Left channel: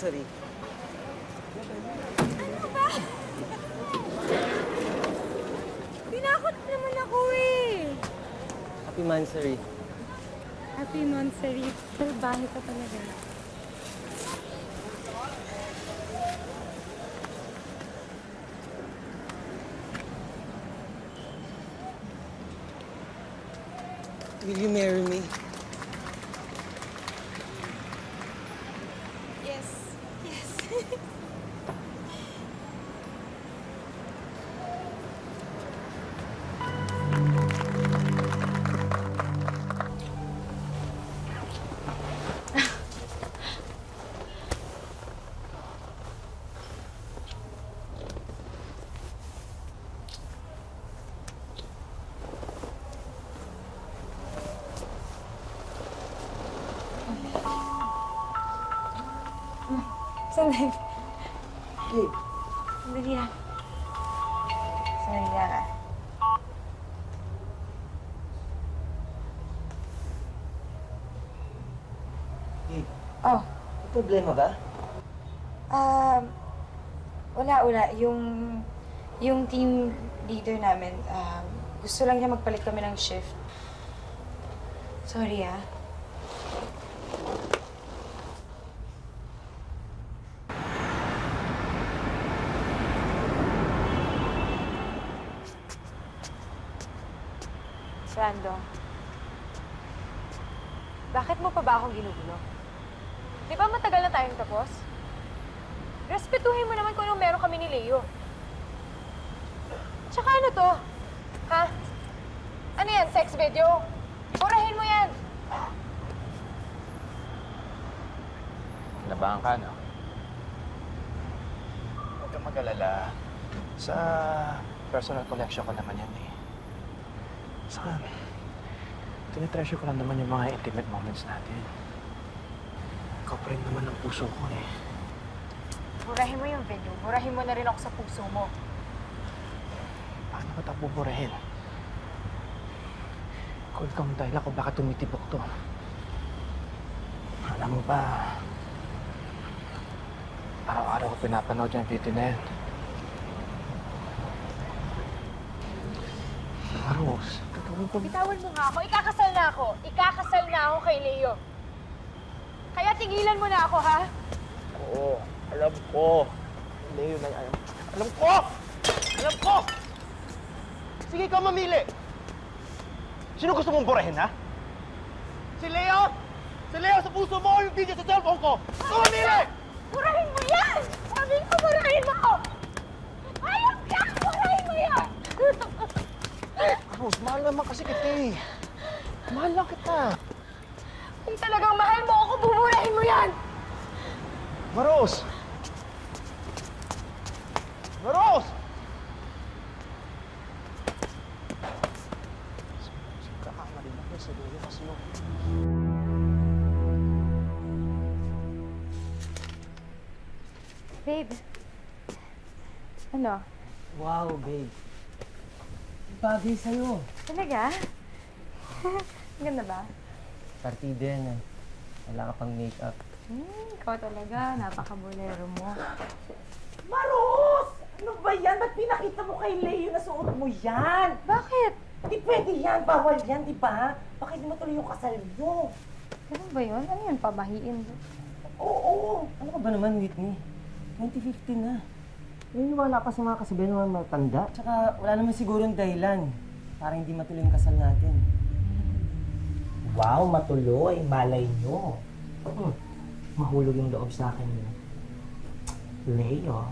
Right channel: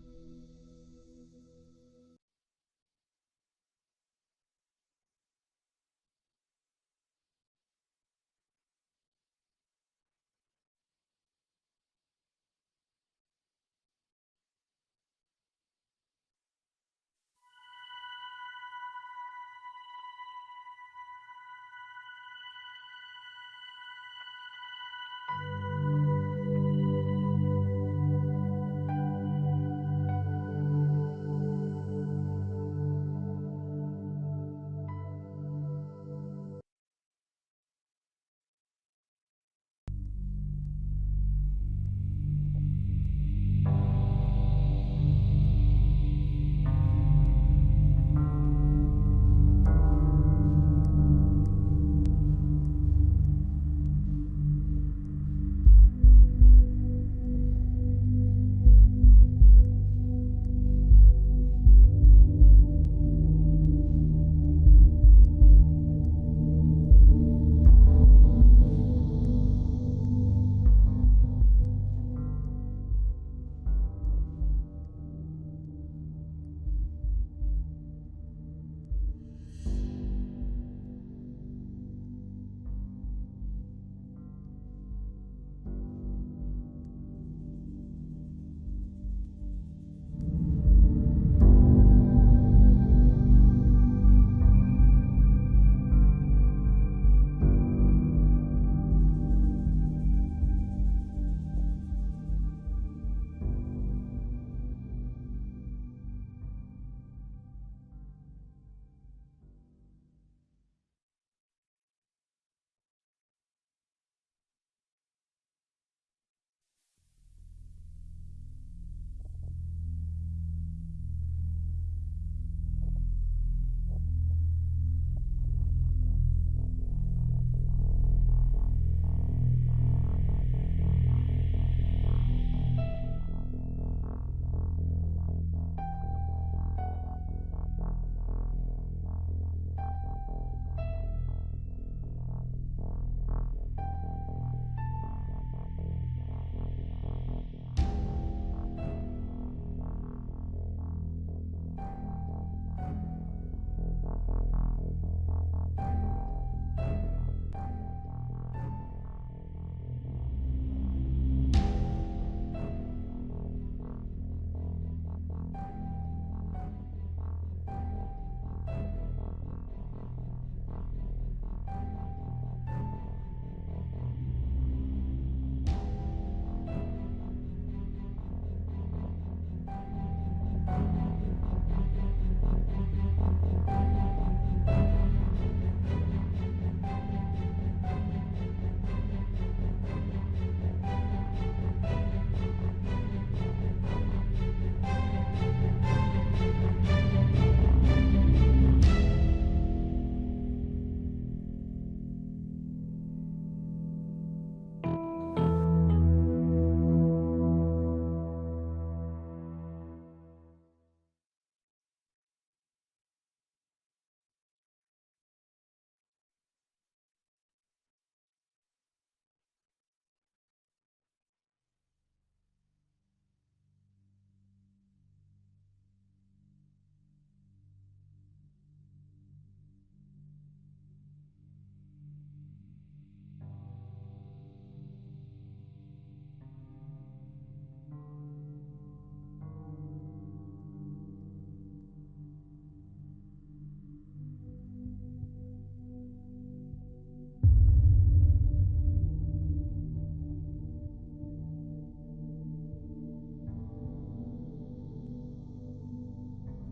Mansari. Ano ba? Tinakot naman ako eh. Happy Mansari. Happy Mansari. Salbahe ka talaga. Will you marry me? Yes. Yes. Sandali. Hey, Sandali ah. Sandali ah. hey, Oh, may problema ba? wala. Yung team leader namin, gusto lang niya magpalit kami ng shift. Sorry ah. Brando, bakit mo pa ba ako ginugulo? Di ba matagal na tayong tapos? Respetuhin mo naman kung anong meron kami ni Leo. Tsaka ano to? Ha? Ano yan? Sex video? Burahin mo yan! Nabahan ka, no? Huwag kang mag-alala. Sa personal collection ko naman yan, eh. Saka, tinitreasure ko lang naman yung mga intimate moments natin. Ikaw pa rin naman ang puso ko, eh. Burahin mo yung video. Burahin mo na rin ako sa puso mo. Bakit mo ito buburahin? Kung ikaw ang dahilan kung bakit tumitibok to. Alam mo ba, araw-araw ko pinapanood yung video na yan. Rose, gagawin ko. Bitawan mo nga ako. Ikakasal na ako. Ikakasal na ako kay Leo. Kaya tigilan mo na ako, ha? Oo, alam ko. Leo na yan. Alam ko! Alam ko! Sige, ikaw mamili. Sino gusto mong burahin, ha? Si Leo? Si Leo sa puso mo o yung video sa cellphone ko? Ikaw mamili! Burahin mo yan! Sabi ko, burahin mo! Ayaw ka! Burahin mo yan! Rose, mahal naman kasi kita eh. Mahal lang kita. Kung talagang mahal mo ako, buburahin mo yan! Rose! Rose! Kakamali lang yan sa dulo kasi. Babe. Ano? Wow, babe. Bagay sa'yo. Talaga? Ganda ba? Partida yan, eh. Wala ka pang make-up. Ikaw talaga. Napaka-bolero mo. Maros! Ano ba yan? Ba't pinakita mo kay Leo na suot mo yan? Bakit? Di pwede yan. Bawal yan, di ba? Baka hindi matuloy yung kasal nyo. Ganun ba yun? Ano yun? Pamahiin ba? Oo. Ano ka ba naman, Whitney? 2015 na. Naniniwala ka sa mga kasabihan ng mga matanda. Tsaka wala naman sigurong dahilan para hindi matuloy yung kasal natin. Wow, matuloy. Malay nyo. Mahulog yung loob sa akin. Leo,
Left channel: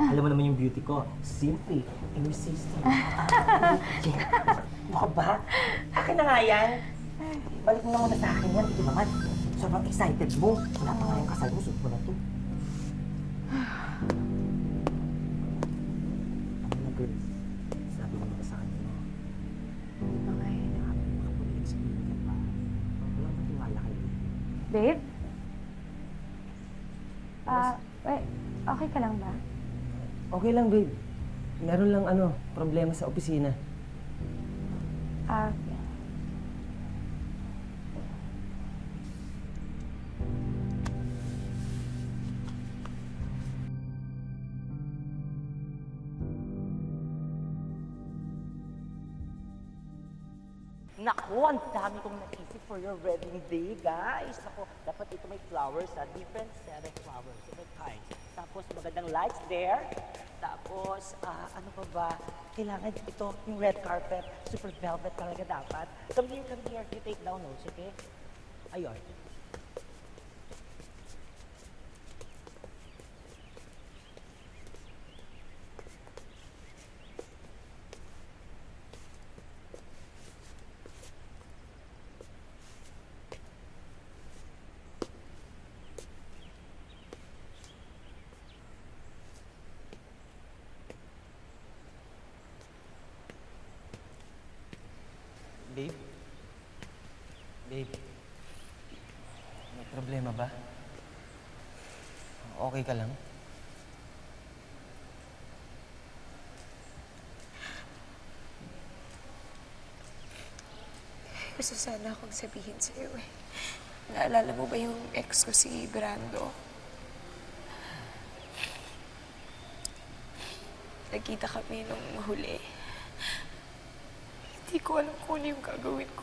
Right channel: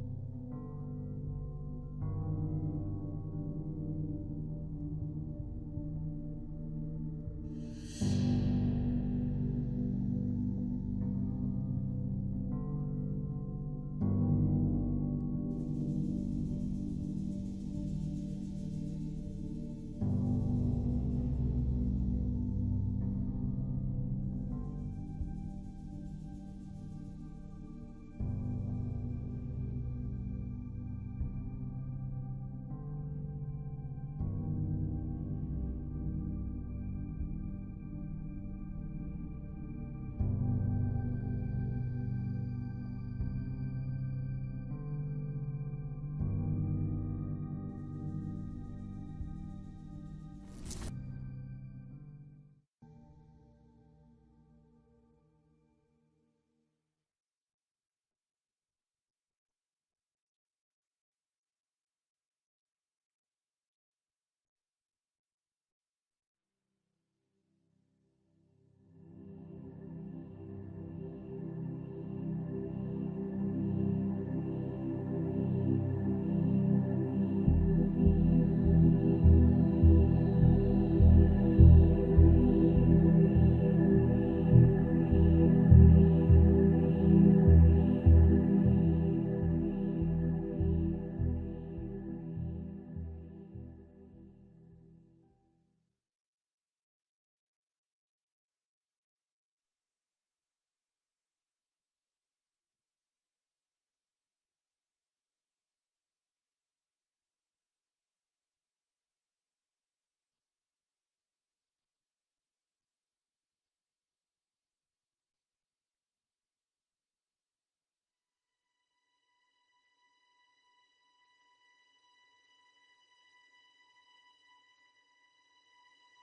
alam mo naman yung beauty ko. Simply irresistible. Ano ka ba? Akin na nga yan. Balik mo na muna sa akin yan. Ito naman. Sobrang excited mo. Wala pa nga yung kasal mo. Suot mo na to. Sabi ko na sa kanya. Hindi pa nga eh. Nakapag-explain ka pa. Wala kang tiwala kayo. Babe? Wait. Okay ka lang ba? Okay lang, babe. Meron lang problema sa opisina. Naku, ang dami kong naisip for your wedding day, guys. Naku, dapat ito may flowers, different set of flowers, different kinds. Tapos magandang lights there. Tapos, ano pa ba? Kailangan ito, yung red carpet, super velvet talaga dapat. Come here, you take down notes, okay? Ayun. Babe? Babe? May problema ba? Okay ka lang? Gusto sana akong sabihin sa'yo eh. Naalala mo ba yung ex ko si Brando? Nagkita kami nung huli. Hindi ko alam kung ano yung gagawin ko.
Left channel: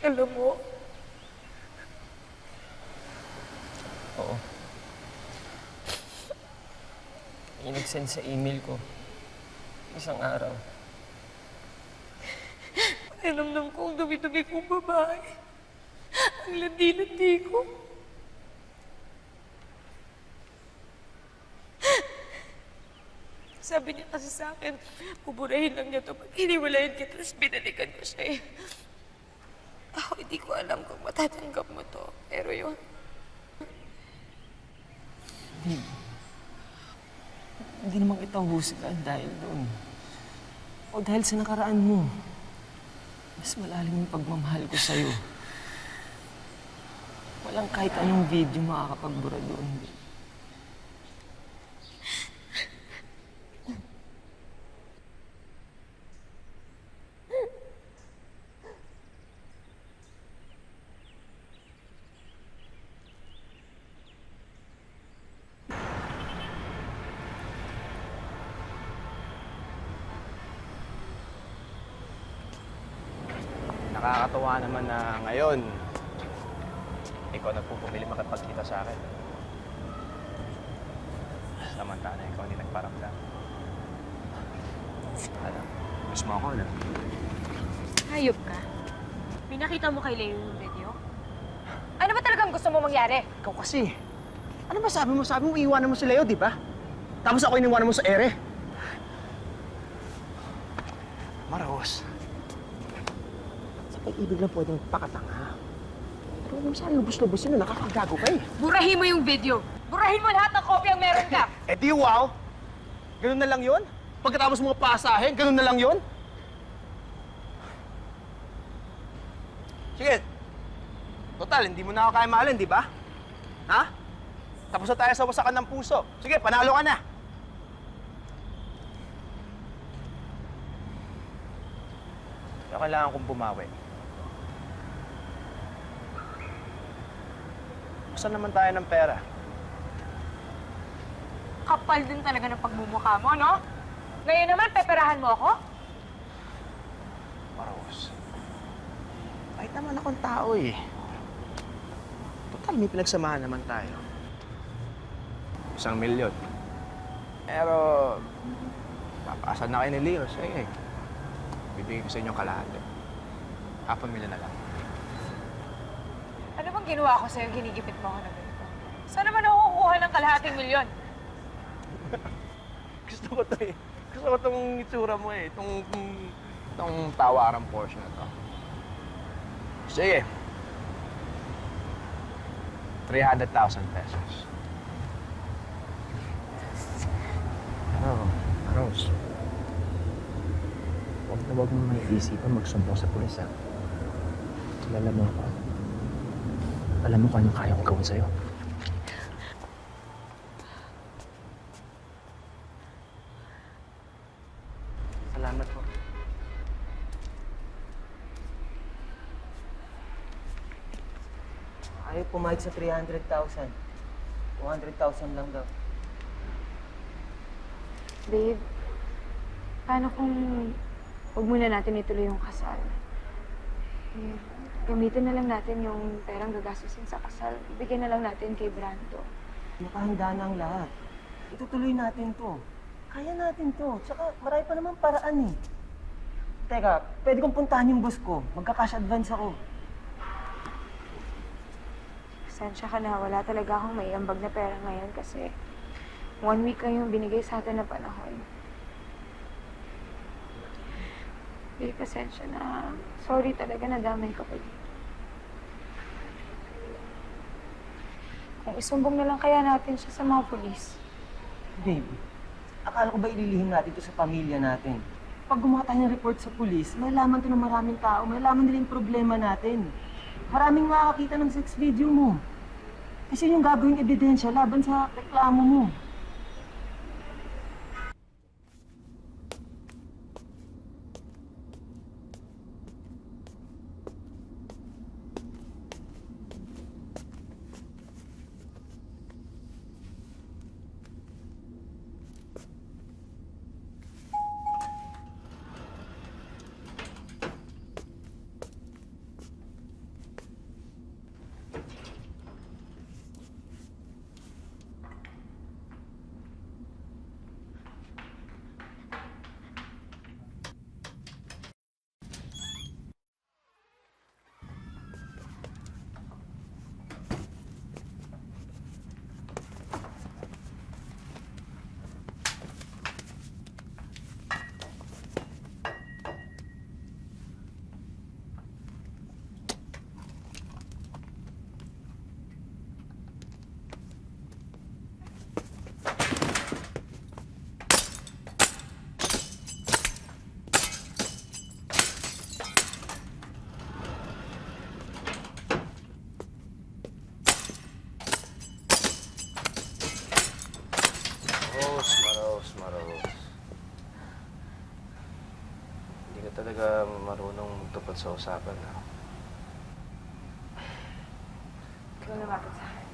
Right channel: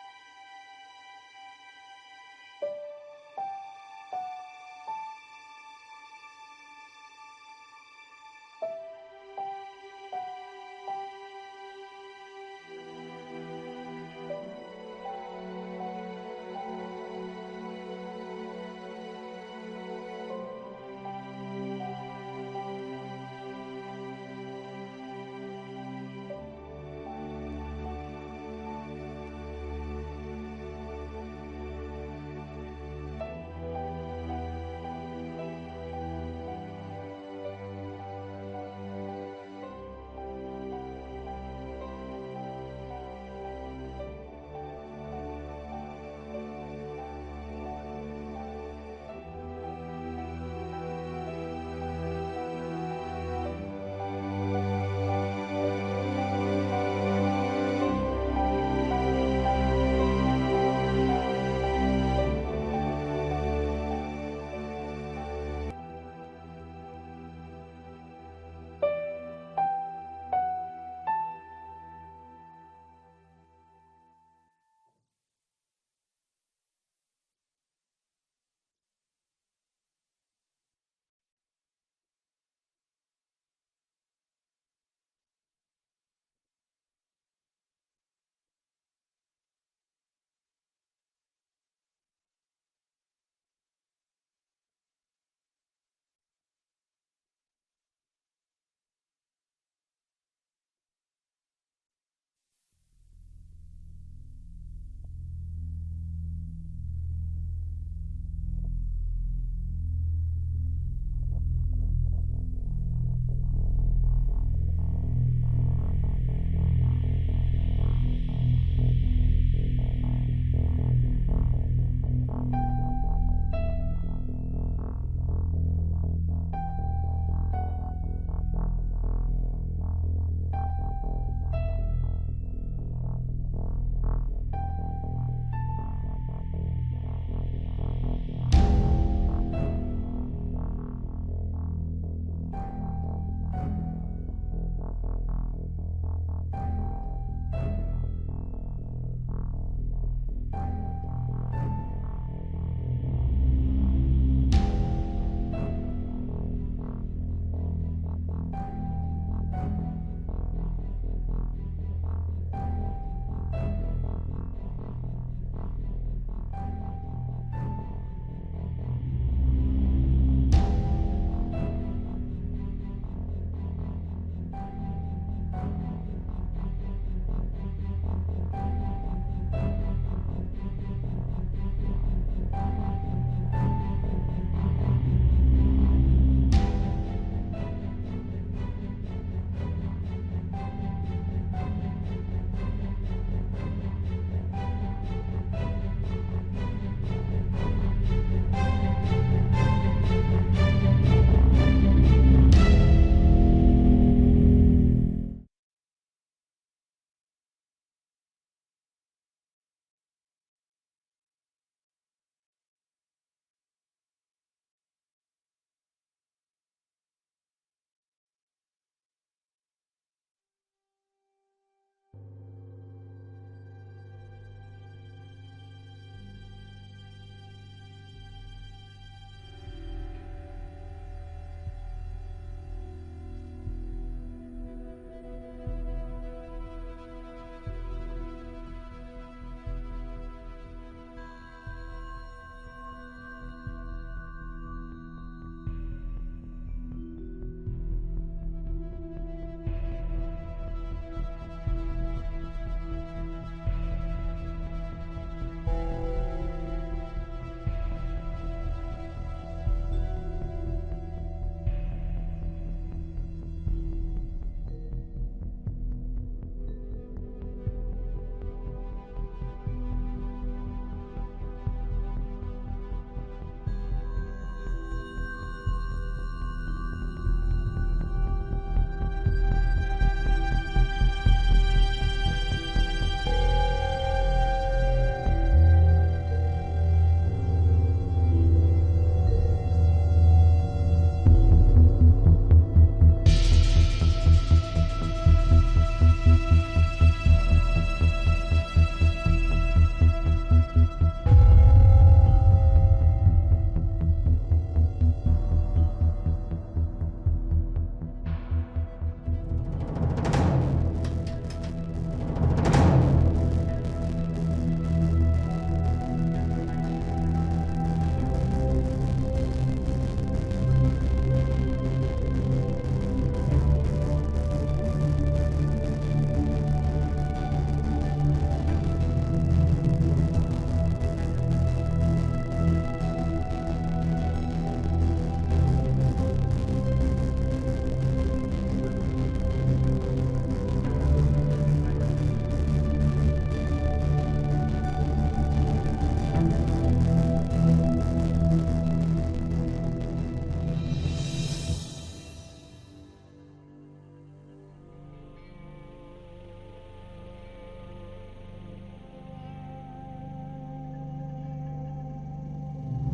Alam mo, Oo. Yung nag-send sa email ko. Isang araw. alamdam ko ang dumi-dumi kong babae. Ang landi-landi ko. Sabi niya kasi sa akin, buburahin lang niya ito. Hiniwalayan kita, tapos pinalikan mo siya eh. Ako hindi ko alam kung matatanggap mo to. Pero yun, Hindi naman kita husgan dahil doon. O dahil sa nakaraan mo. Mas malalim yung pagmamahal ko sa'yo. Walang kahit anong video makakapagbura doon. Nakakatuwa naman na ngayon, ikaw nagpupumili makipagkita sa akin. Samantala, ikaw hindi nagparamdam. Alam, miss mo ako na. Hayop ka. Pinakita mo kay Leo yung video? Ano ba talagang gusto mo mangyari? Ikaw kasi, ano ba sabi mo? Sabi mo iiwanan mo si Leo, di ba? Tapos ako iniwanan mo sa ere. Maros. Sa pag-ibig lang pwedeng pakatanga. Pero huwag mo sana lubos-lubos yun, nakakagago ka eh. Burahin mo yung video! Burahin mo lahat ng kopyang meron ka! Eh di wow! Ganun na lang yun? Pagkatapos mo pasahin, ganun na lang yun? Sige. Total, hindi mo na ako kaya mahalin, di ba? Ha? Tapos na tayo sa wasakan ng puso. Sige, panalo ka na. Kaya kailangan kong bumawi. Saan naman tayo ng pera? Kapal din talaga ng pagmumukha mo, no? Ngayon naman, peperahan mo ako? Maros. Kahit naman akong tao eh. Total, may pinagsamahan naman tayo. 1 milyon. Pero, papaasan na kayo ni Leo. Sige, bibigay ko sa inyo kalahati. 500,000 na lang. Ano bang ginawa ko sa'yo? Ginigipit mo ako na ganito? Saan naman ako kukuha ng kalahating milyon? Gusto ko to eh. Gusto ko tong itsura mo eh. Itong tawarang portion na to. Sige. 300,000 pesos. Ano, Rose? Huwag mo nang isipan magsumbong sa pulis, ha? Kilala mo ako. Alam mo kung anong kaya kong gawin sa'yo. Salamat po. pumayag sa 300,000. 200,000 lang daw. Babe, paano kung huwag muna natin ituloy yung kasal? Eh, gamitin na lang natin yung perang gagastusin sa kasal. Ibigay na lang natin kay Brando. Nakahanda na ang lahat. Itutuloy natin to. Kaya natin to. Tsaka marami pa naman paraan eh. Teka, pwede kong puntahan yung boss ko. Magka-cash advance ako. Pasensya ka na, wala talaga akong maiambag na pera ngayon kasi 1 week lang yung binigay sa atin na panahon. Babe, pasensya na. Sorry talaga na damay ka pa dito. Kung isumbong na lang kaya natin siya sa mga pulis. Babe, akala ko ba ililihim natin ito sa pamilya natin? Pag gumawa tayo ng report sa pulis, malalaman to ng maraming tao, malalaman nila yung problema natin. Maraming makakakita ng sex video mo. Kasi yun yung gagawing ebidensya laban sa reklamo mo. Maros. Hindi ka talaga marunong tupad sa usapan, ha? Ikaw na bakit sa akin.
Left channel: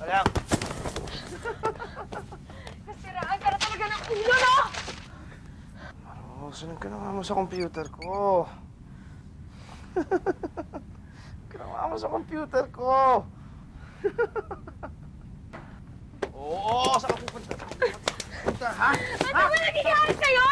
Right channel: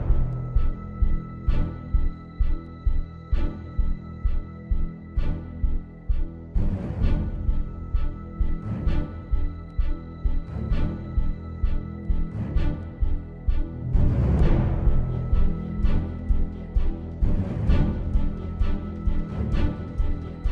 Alam! Nasiraan ka na talaga ng ulo, no? Oh, sunod ka naman mo sa computer ko. Ginawa mo sa computer ko. Oo, sa computer, ha? Ano ba nangyayari sa'yo?